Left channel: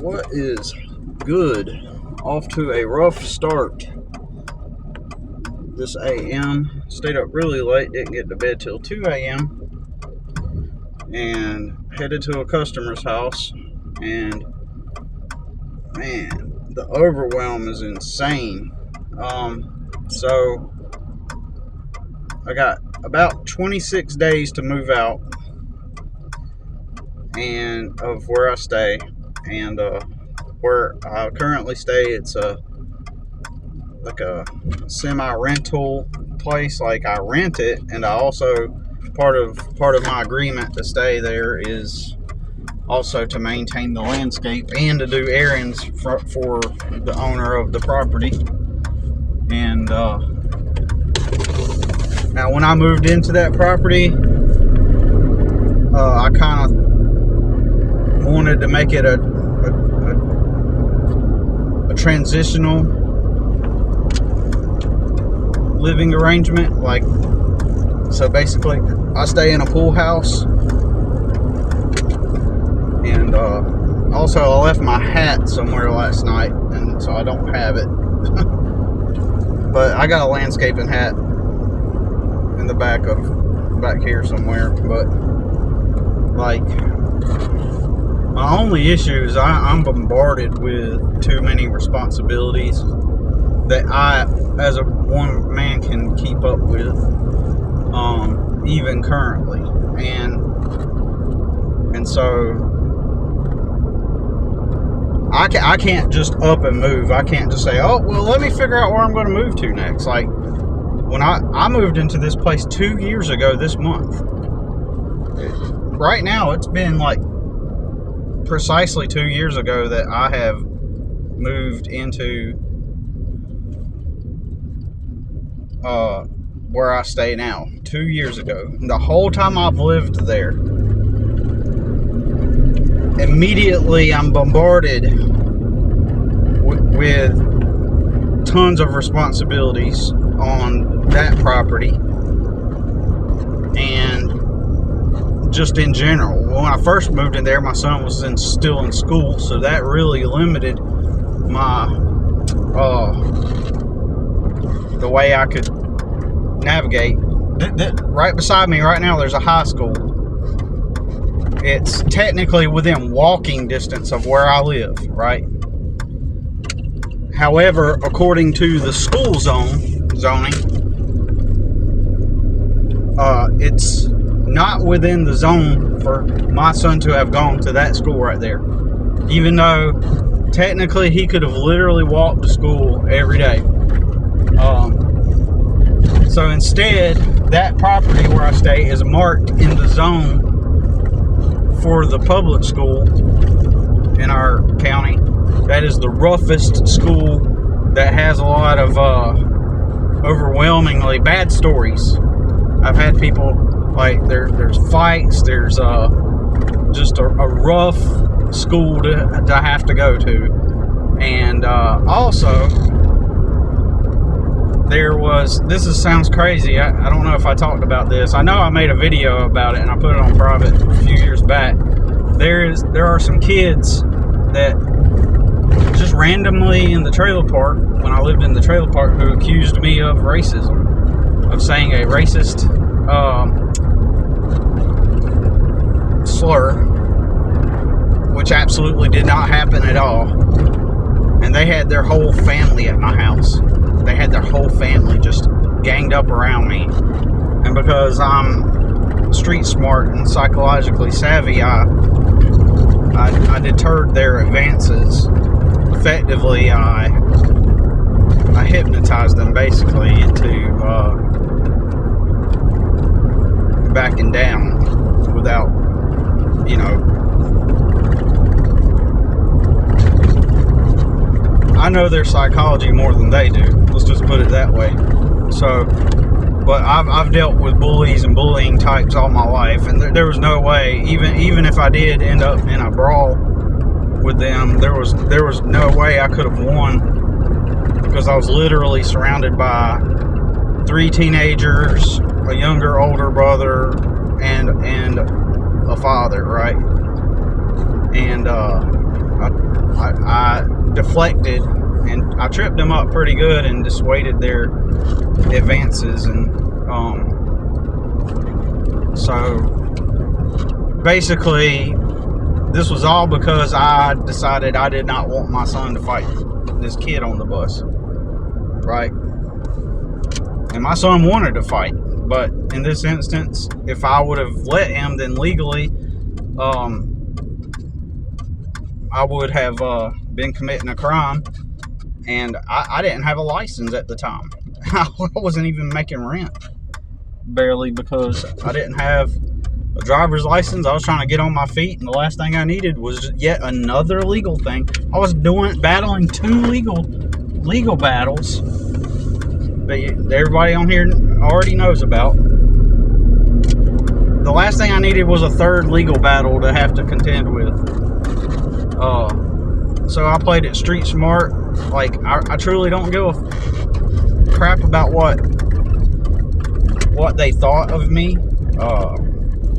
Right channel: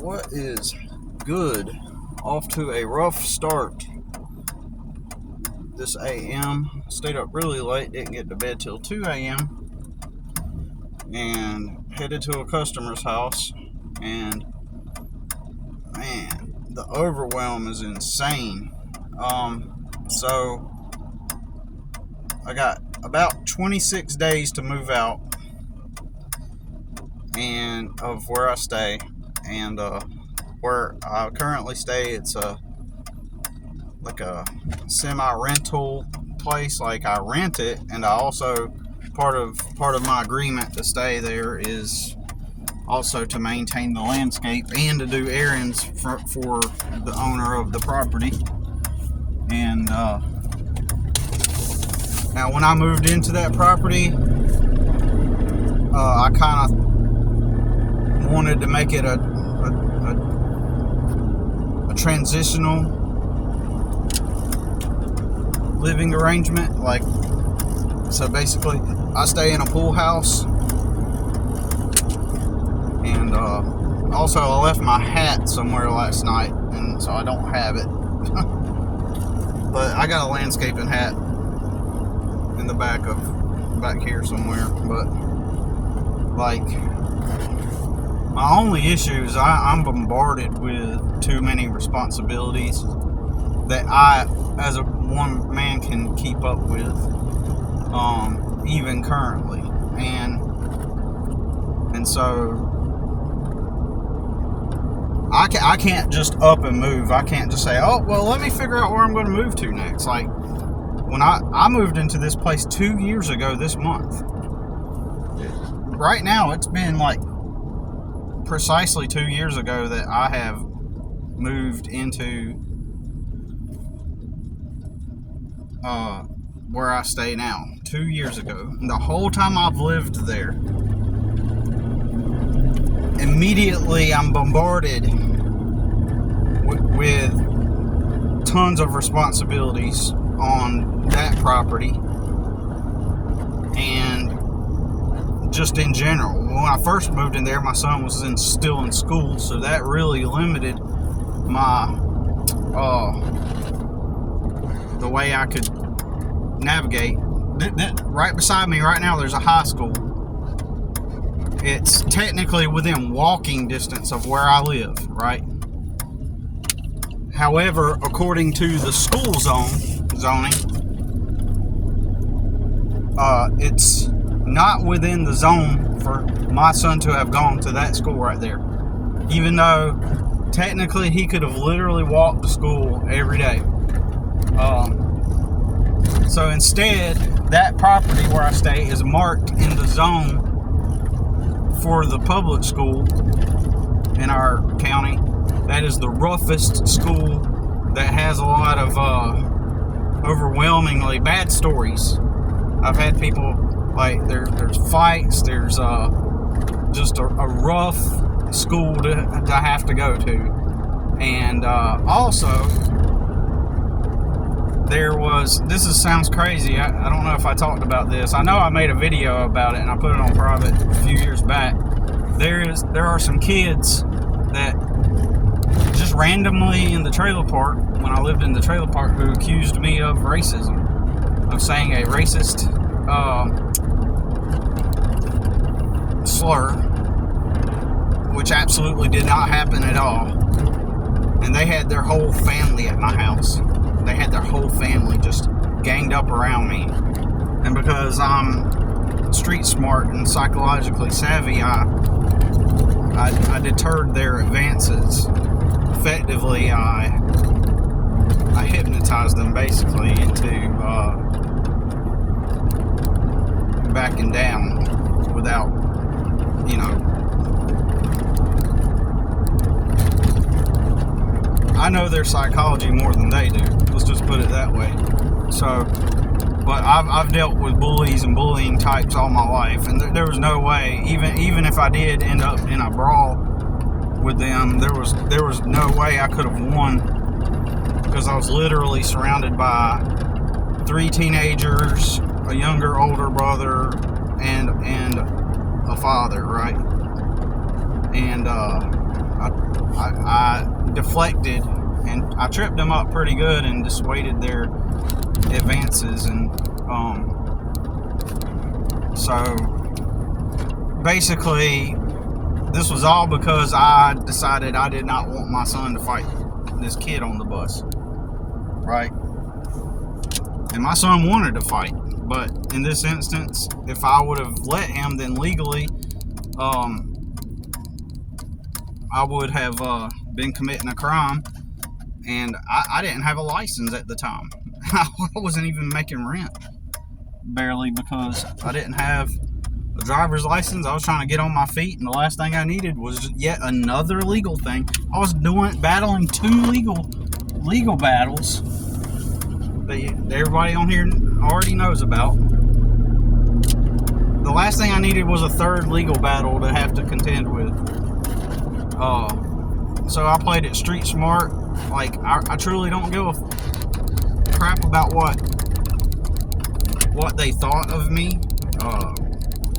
What is good? Off to a rough start this AM. Stayed up really late, didn't get to bed till 2 a.m. and headed to a customer's house. And man, the overwhelm is insane. So I got about 26 days to move out and of where I stay, and where I currently stay, it's like a semi-rental place. Like, I rent it, and I also part of my agreement to stay there is also to maintain the landscape and to do errands for the owner of the property. And now, when I moved into that property, I kind of wanted to make it a transitional living arrangement. Like, so basically, I stay in a pool house, and also I left my hat somewhere last night, and so I don't have it. But I got a landscaping hat in the back here somewhere. But like, my only issue is I'm bombarded with too many responsibilities that I, as a one man, can keep up with, even currently, and so I can't just up and move. I can't just say, oh, well, let me figure out where I'm going to move to next. Like, when I moved into this place 2 years ago this month. Right now, it's been like precisely 2 years ago that I have moved into where I stay now. 2 years ago. And the whole time I've lived there, immediately I'm bombarded with tons of responsibilities on that property, and just in general. When I first moved in there, my son was still in school, so that really limited my the way I could navigate. Right beside me right now, there's a high school. It's technically within walking distance of where I live, right? However, according to the school zoning, it's not within the zone for my son to have gone to that school right there, even though technically he could have literally walked to school every day. So instead, that property where I stay is marked in the zone for the public school in our county. That is the roughest school, that has a lot of overwhelmingly bad stories. I've had people, like, there's fights, there's just a rough school to have to go to. And also, sounds crazy. I don't know if I talked about this. I know I made a video about it and I put it on private a few years back. There are some kids that just randomly in the trailer park, when I lived in the trailer park, who accused me of racism, of saying a racist slur, which absolutely did not happen at all. And they had their whole family at my house. They had their whole family just ganged up around me. And because I'm street smart and psychologically savvy, I deterred their advances. Effectively, I hypnotized them basically into backing down without, I know their psychology more than they do. Let's just put it that way. So, but I've dealt with bullies and bullying types all my life, and there was no way, even if I did end up in a brawl with them, there was no way I could have won, because I was literally surrounded by 3 teenagers, a younger, older brother, and a father, right? And deflected, and I tripped them up pretty good and dissuaded their advances. And so basically, this was all because I decided I did not want my son to fight this kid on the bus, right? And my son wanted to fight, but in this instance, if I would have let him, then legally, I would have been committing a crime, and I didn't have a license at the time. I wasn't even making rent, barely, because I didn't have a driver's license. I was trying to get on my feet, and the last thing I needed was yet another legal thing. I was battling two legal battles that everybody on here already knows about. The last thing I needed was a third legal battle to have to contend with. So I played it street smart. Like, I truly don't give a crap about what they thought of me.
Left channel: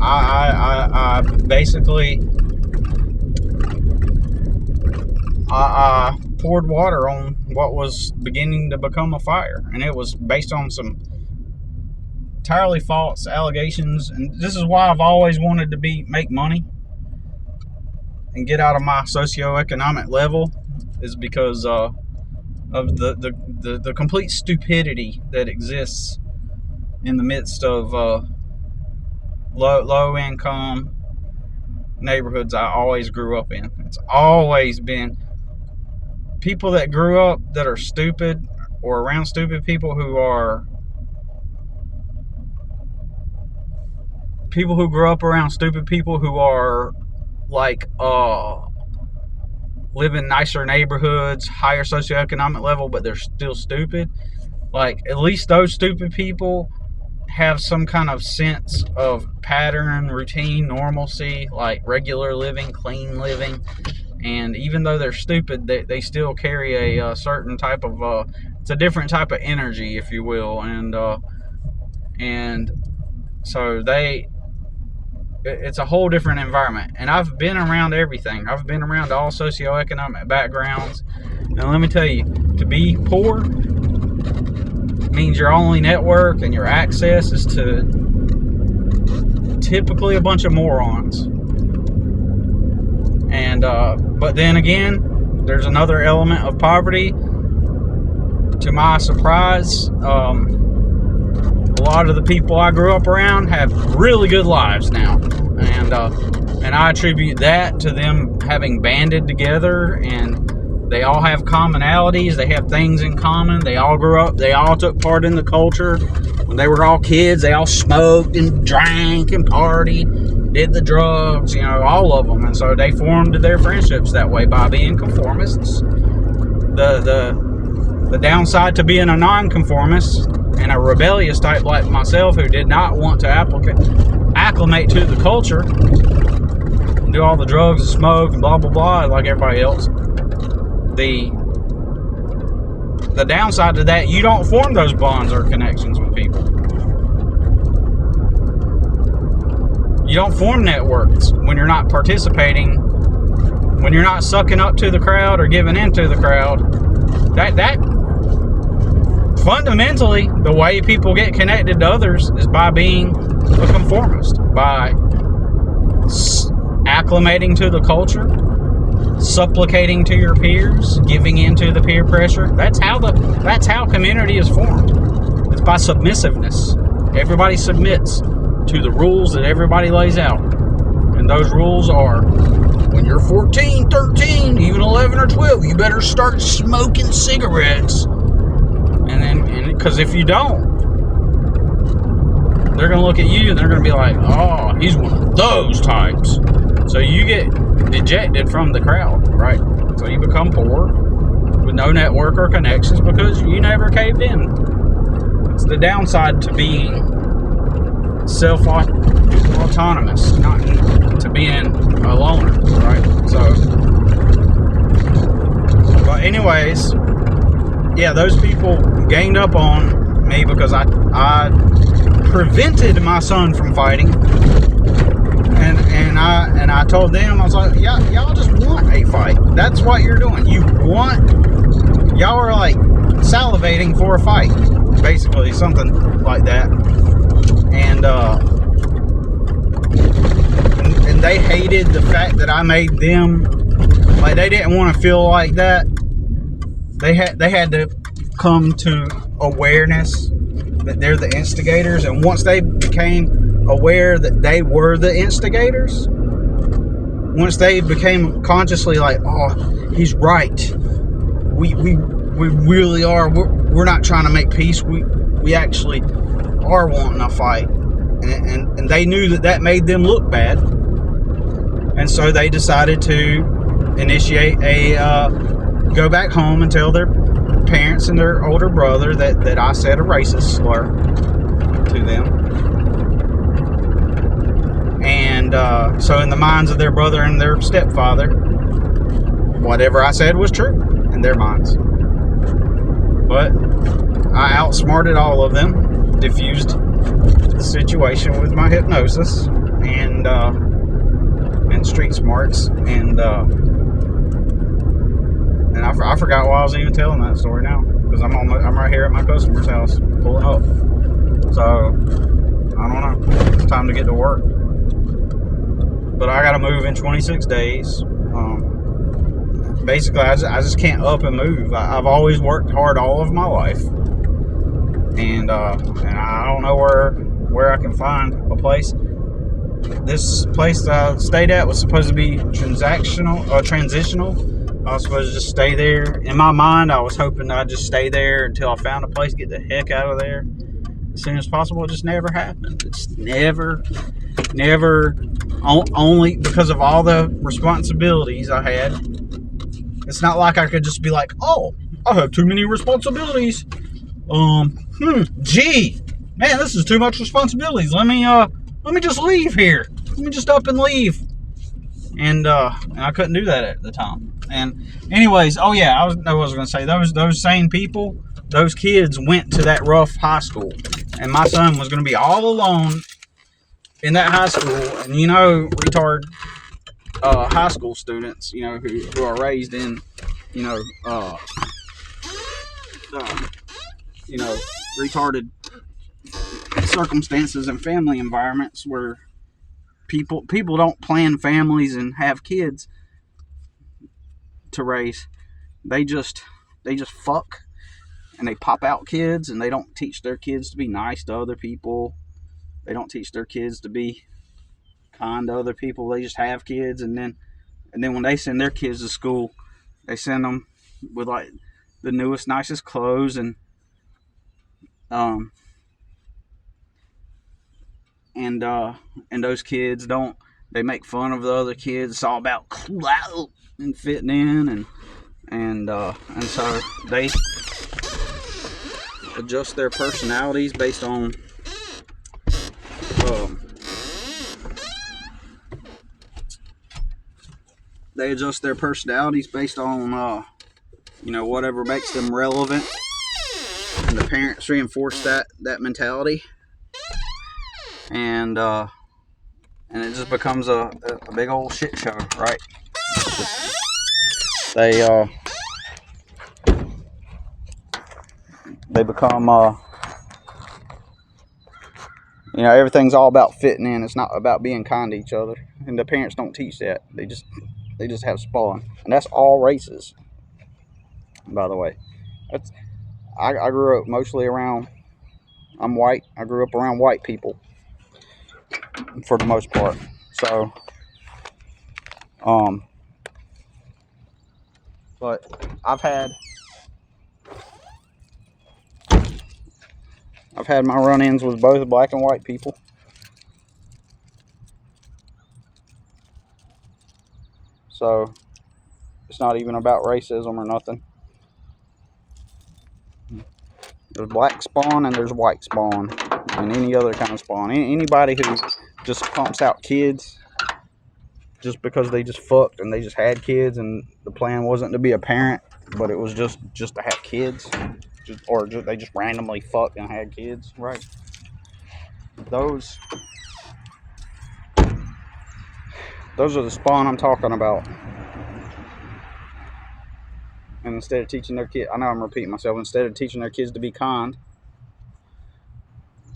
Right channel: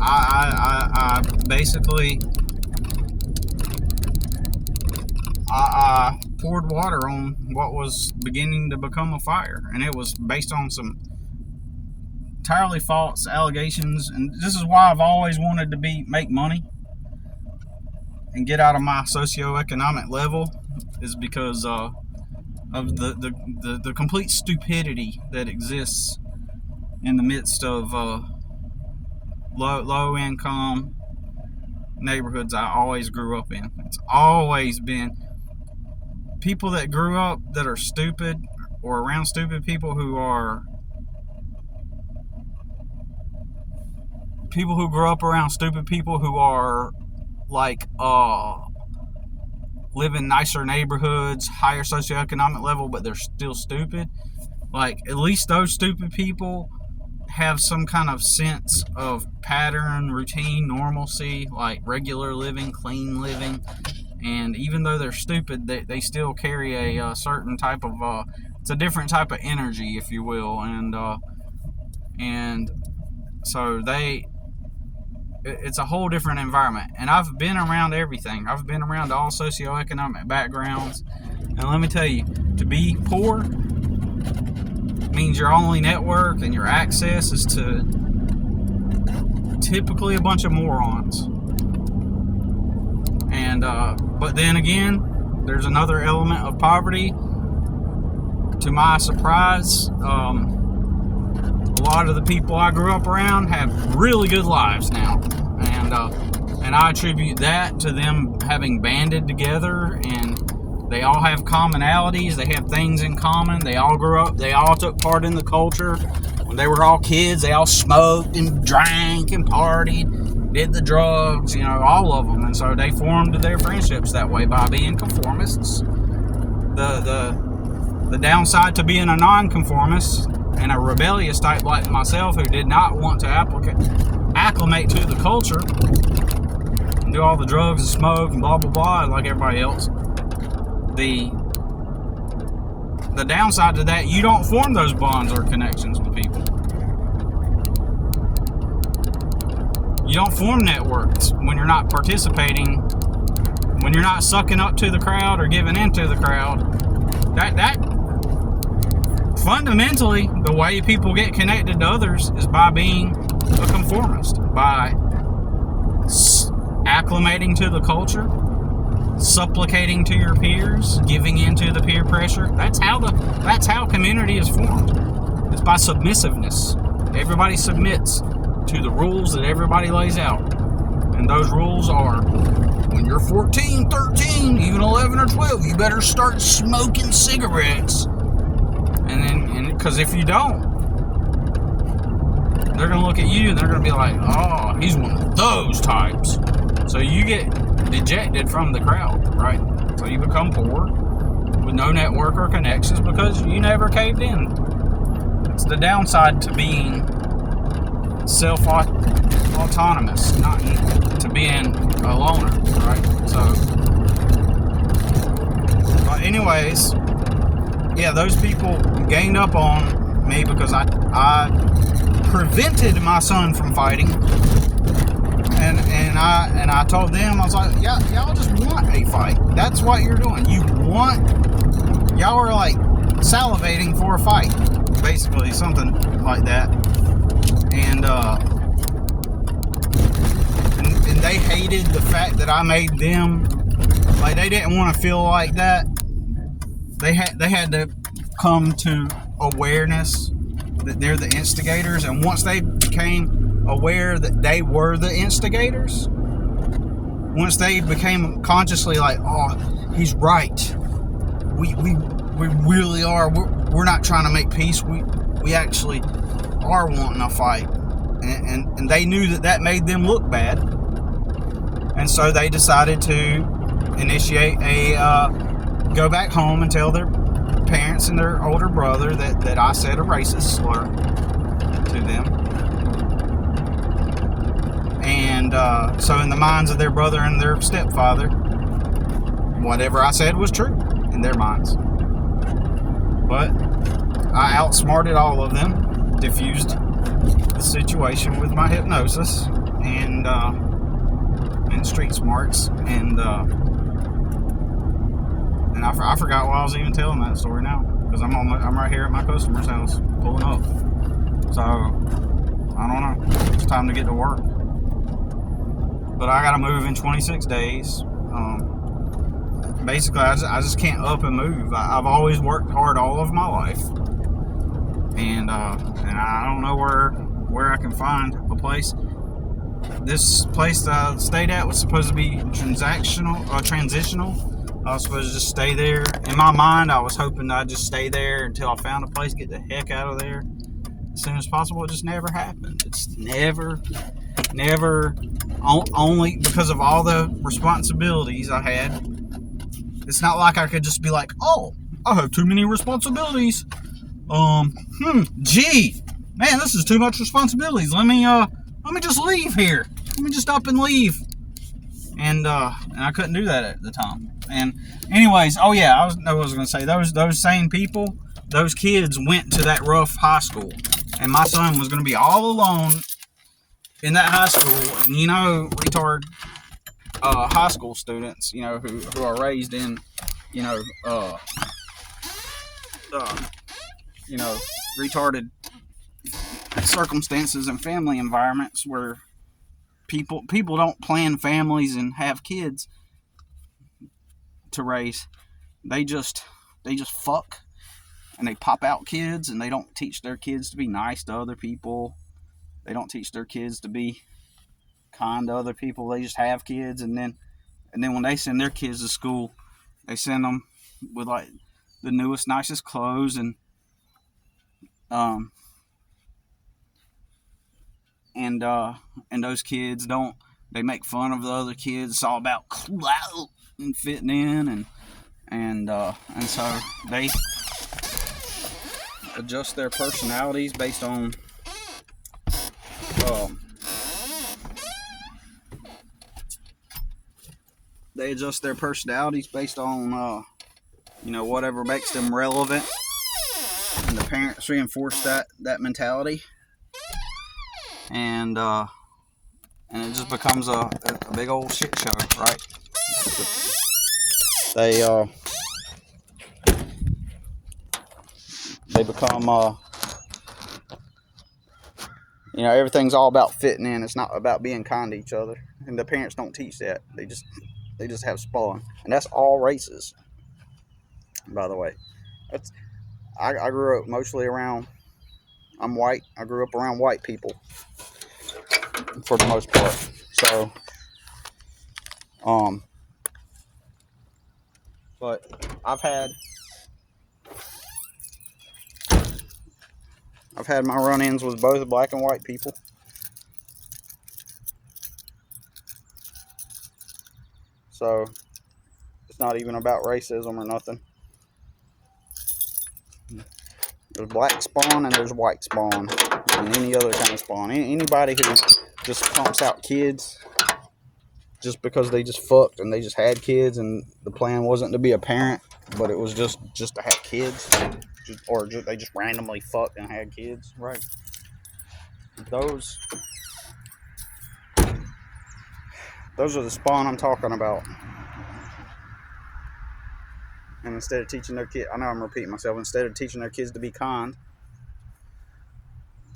I basically I poured water on what was beginning to become a fire, and it was based on some entirely false allegations. And this is why I've always wanted to make money and get out of my socioeconomic level, is because of the complete stupidity that exists in the midst of low income neighborhoods I always grew up in. It's always been people that grew up that are stupid, or around stupid people who grew up around stupid people who are like live in nicer neighborhoods, higher socioeconomic level, but they're still stupid. Like, at least those stupid people have some kind of sense of pattern, routine, normalcy, like regular living, clean living. And even though they're stupid, they still carry a certain type of it's a different type of energy, if you will. And so it's a whole different environment. And I've been around everything. I've been around all socioeconomic backgrounds. And let me tell you, to be poor means your only network and your access is to typically a bunch of morons. And but then again, there's another element of poverty. To my surprise, a lot of the people I grew up around have really good lives now, and I attribute that to them having banded together, and they all have commonalities. They have things in common. They all grew up. They all took part in the culture. When they were all kids, they all smoked and drank and partied, did the drugs, all of them. And so they formed their friendships that way, by being conformists. The downside to being a nonconformist and a rebellious type like myself, who did not want to acclimate to the culture and do all the drugs and smoke and blah blah blah like everybody else, the downside to that, you don't form those bonds or connections with people. You don't form networks when you're not participating, when you're not sucking up to the crowd or giving into the crowd. That fundamentally, the way people get connected to others is by being a conformist, by acclimating to the culture, supplicating to your peers, giving into the peer pressure. That's how community is formed. It's by submissiveness. Everybody submits to the rules that everybody lays out. And those rules are, when you're 14, 13, even 11 or 12, you better start smoking cigarettes. And because if you don't, they're going to look at you and they're going to be like, oh, he's one of those types. So you get dejected from the crowd, right? So you become poor with no network or connections because you never caved in. It's the downside to being self-autonomous, not to being a loner, right? So, but anyways, yeah, those people gained up on me because I prevented my son from fighting, and I told them, I was like, y'all just want a fight. That's what you're doing. Y'all are like salivating for a fight, basically, something like that. And they hated the fact that I made them, like, they didn't want to feel like that. They had to come to awareness that they're the instigators, and once they became aware that they were the instigators, once they became consciously like, oh, he's right, we really are, we're not trying to make peace, we actually are wanting a fight, and they knew that made them look bad, and so they decided to initiate a go back home and tell their parents and their older brother that I said a racist slur to them. And so in the minds of their brother and their stepfather, whatever I said was true in their minds. But I outsmarted all of them, diffused the situation with my hypnosis and street smarts, and I forgot why I was even telling that story now, because I'm right here at my customer's house pulling up. So I don't know. It's time to get to work. But I gotta move in 26 days. Basically, I just can't up and move. I've always worked hard all of my life, and I don't know where I can find a place. This place that I stayed at was supposed to be transitional. I was supposed to just stay there. In my mind, I was hoping I'd just stay there until I found a place, get the heck out of there as soon as possible. It just never happened. It's never, only because of all the responsibilities I had. It's not like I could just be like, oh, I have too many responsibilities. Gee, man, this is too much responsibilities. Let me just leave here. Let me just up and leave. And I couldn't do that at the time. And anyways, oh yeah, I was going to say, those same people, those kids went to that rough high school, and my son was going to be all alone in that high school. And retard high school students, who are raised in, retarded circumstances and family environments where people don't plan families and have kids to raise. They just fuck, and they pop out kids, and they don't teach their kids to be nice to other people. They don't teach their kids to be kind to other people. They just have kids, and then when they send their kids to school, they send them with like the newest, nicest clothes, and those kids they make fun of the other kids. It's all about clout and fitting in, and so they adjust their personalities based on whatever makes them relevant, and the parents reinforce that mentality, and it just becomes a big old shit show, right? They become everything's all about fitting in. It's not about being kind to each other, and the parents don't teach that. They just have spawn, and that's all races, by the way. I grew up mostly around, I'm white, I grew up around white people for the most part. So but I've had my run-ins with both black and white people. So it's not even about racism or nothing. There's black spawn and there's white spawn and any other kind of spawn. Anybody who just pumps out kids just because they just fucked and they just had kids, and the plan wasn't to be a parent, but it was just to have kids, they just randomly fucked and had kids, right? Those are the spawn I'm talking about. And instead of teaching their kids, I know I'm repeating myself, instead of teaching their kids to be kind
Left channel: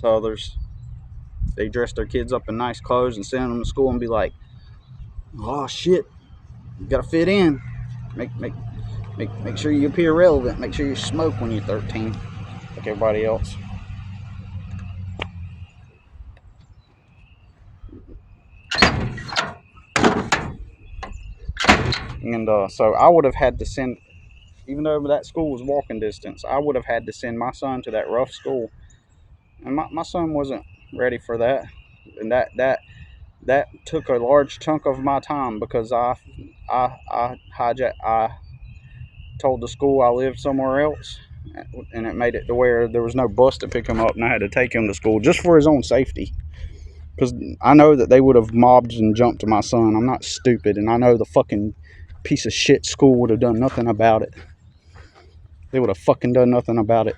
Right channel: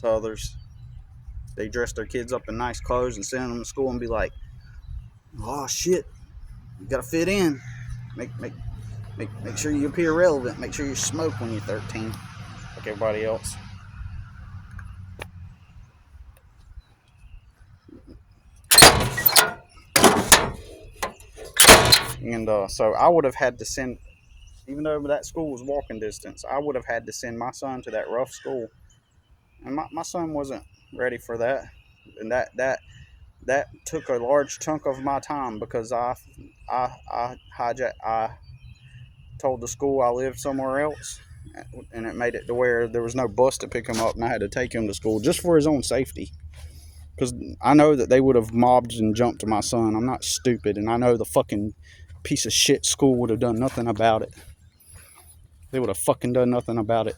to others, they dress their kids up in nice clothes and send them to school and be like, oh shit, you gotta fit in. Make sure you appear relevant. Make sure you smoke when you're 13, like everybody else. And so I would have had to send, even though that school was walking distance, I would have had to send my son to that rough school. And my son wasn't ready for that. And that took a large chunk of my time because I told the school I lived somewhere else, and it made it to where there was no bus to pick him up, and I had to take him to school just for his own safety. Because I know that they would have mobbed and jumped to my son. I'm not stupid, and I know the fucking piece of shit school would have done nothing about it. They would have fucking done nothing about it.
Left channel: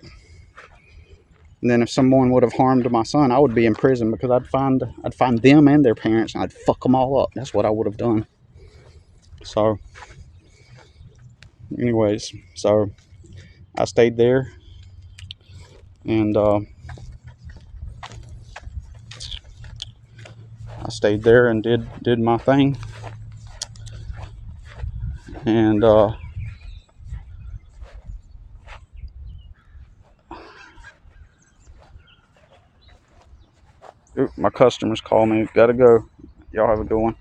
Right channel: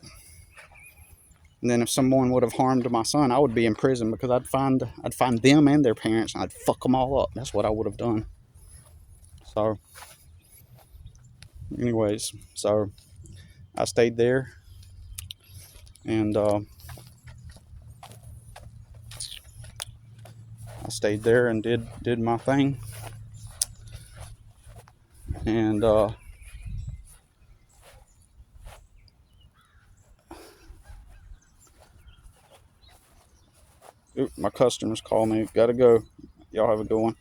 And then if someone would have harmed my son, I would be in prison because I'd find them and their parents and I'd fuck them all up. That's what I would have done. So, anyways, so I stayed there, and I stayed there and did my thing, and my customers call me. Gotta go. Y'all have a good one.